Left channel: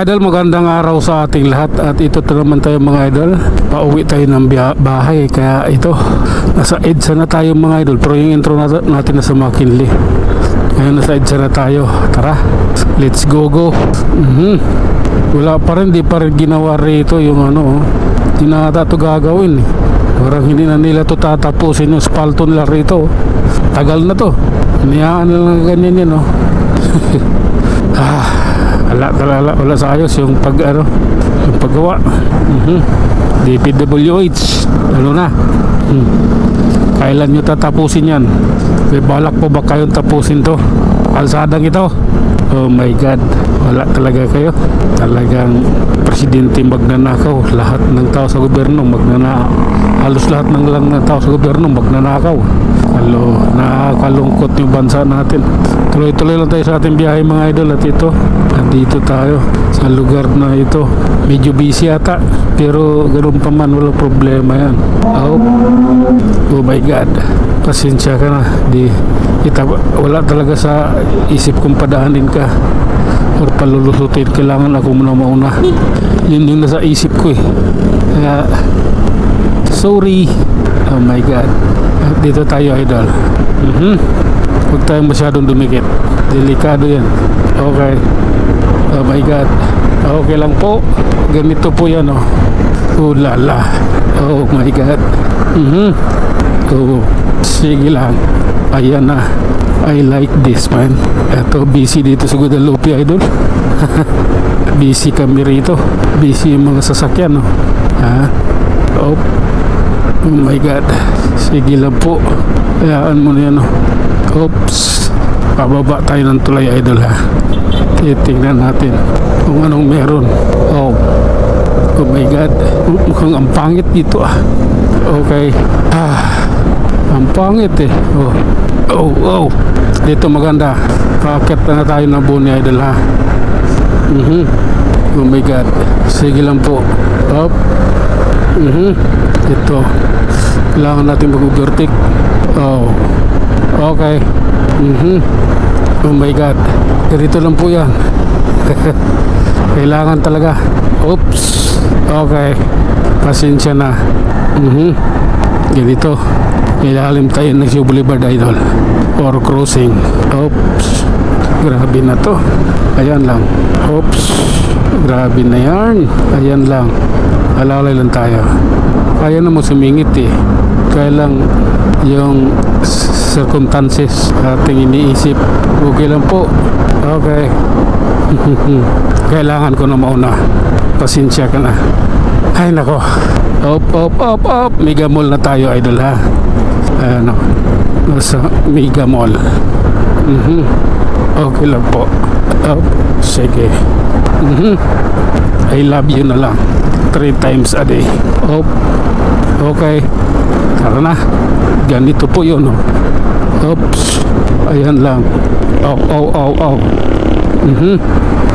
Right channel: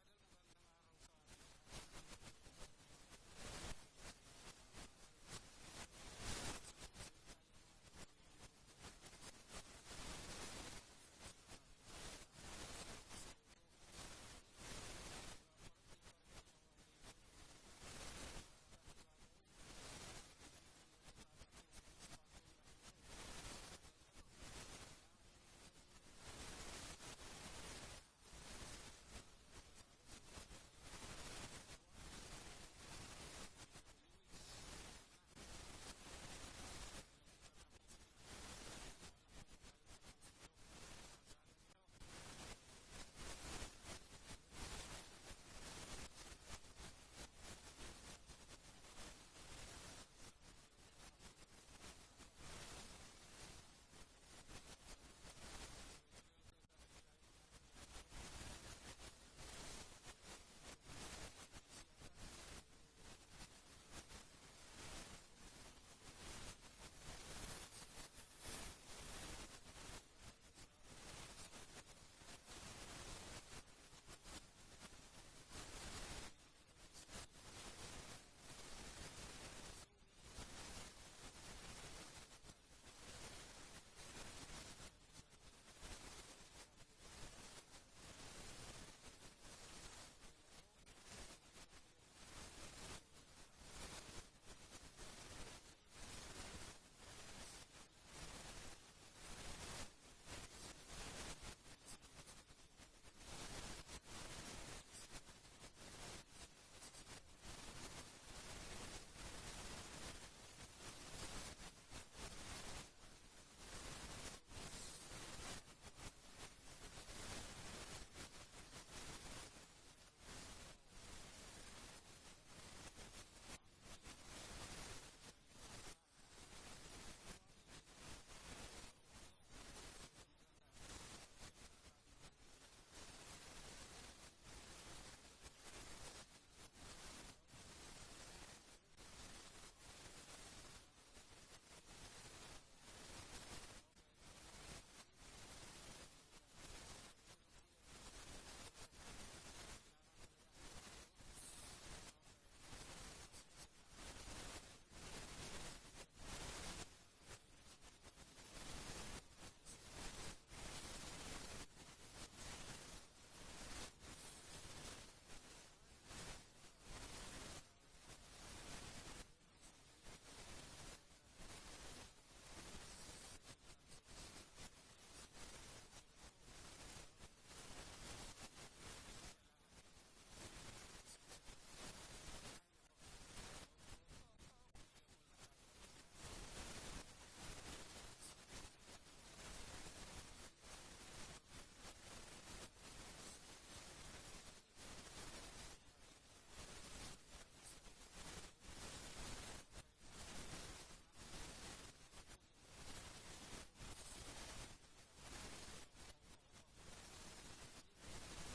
mga idol, magandang araw sa ating lahat. At ito naman tayo mga idol, pauwi tayo ng bahay. Kaya ito, nasa EDSA na tayo mga idol. Pero yung intro natin nasa McKinley. Ngayon nasa EDSA na tayo. Tara, let's go. Wala pa rin, di pa rin ginawa rito yung ano. Hindi na ata ito gagawin. Parang hindi na nila ito tatapusin yung spalto nila rito. Tagal na to. Niyaan na lang ganyan yan, no? Wala sa ayos yung yung paggawa. DPWH ano na. Kailan nyo tatapusin yan? May balak po ba kayong tapusin to? Kalsadang ito? Oh my God, wala talaga kayo. Talagang presidente magnanakaw. Lahat ng tao sa gobyerno magnanakaw. Halos lahat ng tao sa gobyerno magnanakaw. Nakakalungkot yung bansa natin. Tuloy-tuloy lang tayo sa ating biyahe mga idol. At ito, nandito tayo sa lugar na ito. Medyo busy ata, pero ganoon pa man, walang problema yan. Oh my God, pasensya ka na. Wala talaga sa isip kong padaanin ka or palulusutin. Kailangan ako muna mauna. Yun yung nasa isip ko eh. Kaya sorry. Oh my God. Dito tayo idol. Huwag tayong masyadong dumikit. Delikado yan. Okay. Oh my God. Okay lang po. Ganito po yan, oh. Oh lala. Oh my God. Oh, sige lang. Ayan na. I like this, man. Eto, busy dito sa Guadalupe idol. Busy kami rito. Busy yung mga sasakyan, no? Oh my God. Sige lang po. Hayaan mo na yan, no? Oops. Pababa tayo ng tulay idol, ha? Titingnan natin kung anong meron. Oh my God. Mukhang ang pangit dito, ah. Okay. Ang pangit eh. Oh. Dito maganda. Paakit na tayo ng buni idol, ha? Oh my God. Sige lang po. Up. Ito. Kailangan natin mag-overtake. Oh. Okay. Oh my God. Dito lang po yan. Kailangan talaga. Oops. Okay. Pasensya na. Ganito. Ilalim tayo ng Shoe Boulevard idol. Or crossing. Oops. Grabe na to. Ayan lang. Oops. Grabe na yan. Ayan lang. Alalay lang tayo. Kaya na mo sumingit eh. Kaya lang yung circumstances ating iniisip. Okay lang po. Okay. Kailangan ko na mauna. Pasensya ka na. Ay nako. Up. Mega Mall na tayo idol, ha. Ano. Nasa Mega Mall. Okay lang po. Up. Sige. I love you na lang. 3 times a day. Up. Okay. Tara na. Ganito po yun, oh. Oops. Ayan lang. Ow.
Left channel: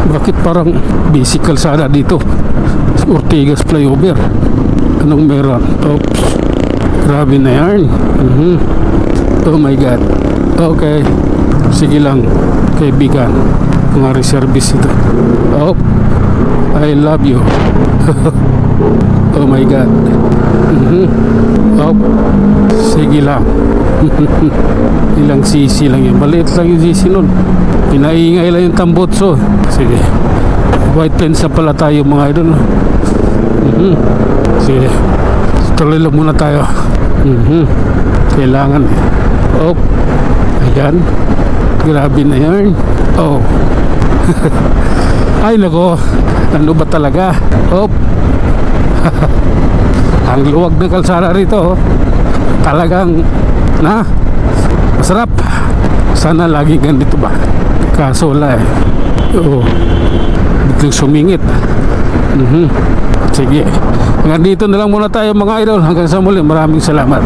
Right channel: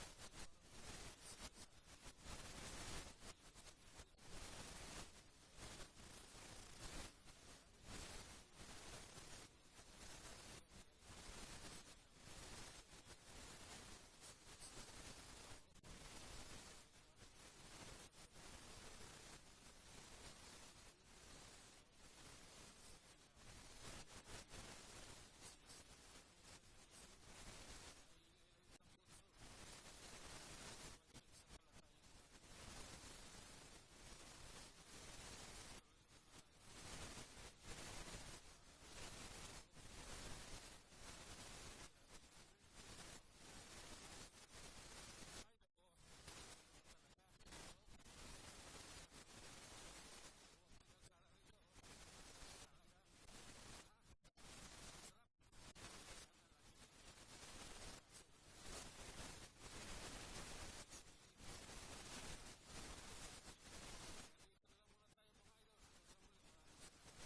Bakit parang busy kalsada dito? Ortigas flyover. Anong meron? Oops. Grabe na yan. Oh my God. Okay. Sige lang, kaibigan. Mga reservice ito. Oh. I love you. Oh my God. Oh. Sige lang. Ilang sisi lang yun. Maliit lang yung sisi nun. Pinaingay lang yung tambutso. Sige. White Plains na pala tayo mga idol. Sige. Tuloy lang muna tayo. Kailangan eh. Oh. Ayan. Grabe na yan. Oh. Ay nako. Ano ba talaga? Oh. Ang luwag ng kalsada rito, oh. Talagang masarap. Sana lagi ganito ba? Kaso wala eh. Biglang sumingit. Sige. Hanggang dito na lang muna tayo mga idol. Hanggang sa muli. Maraming salamat.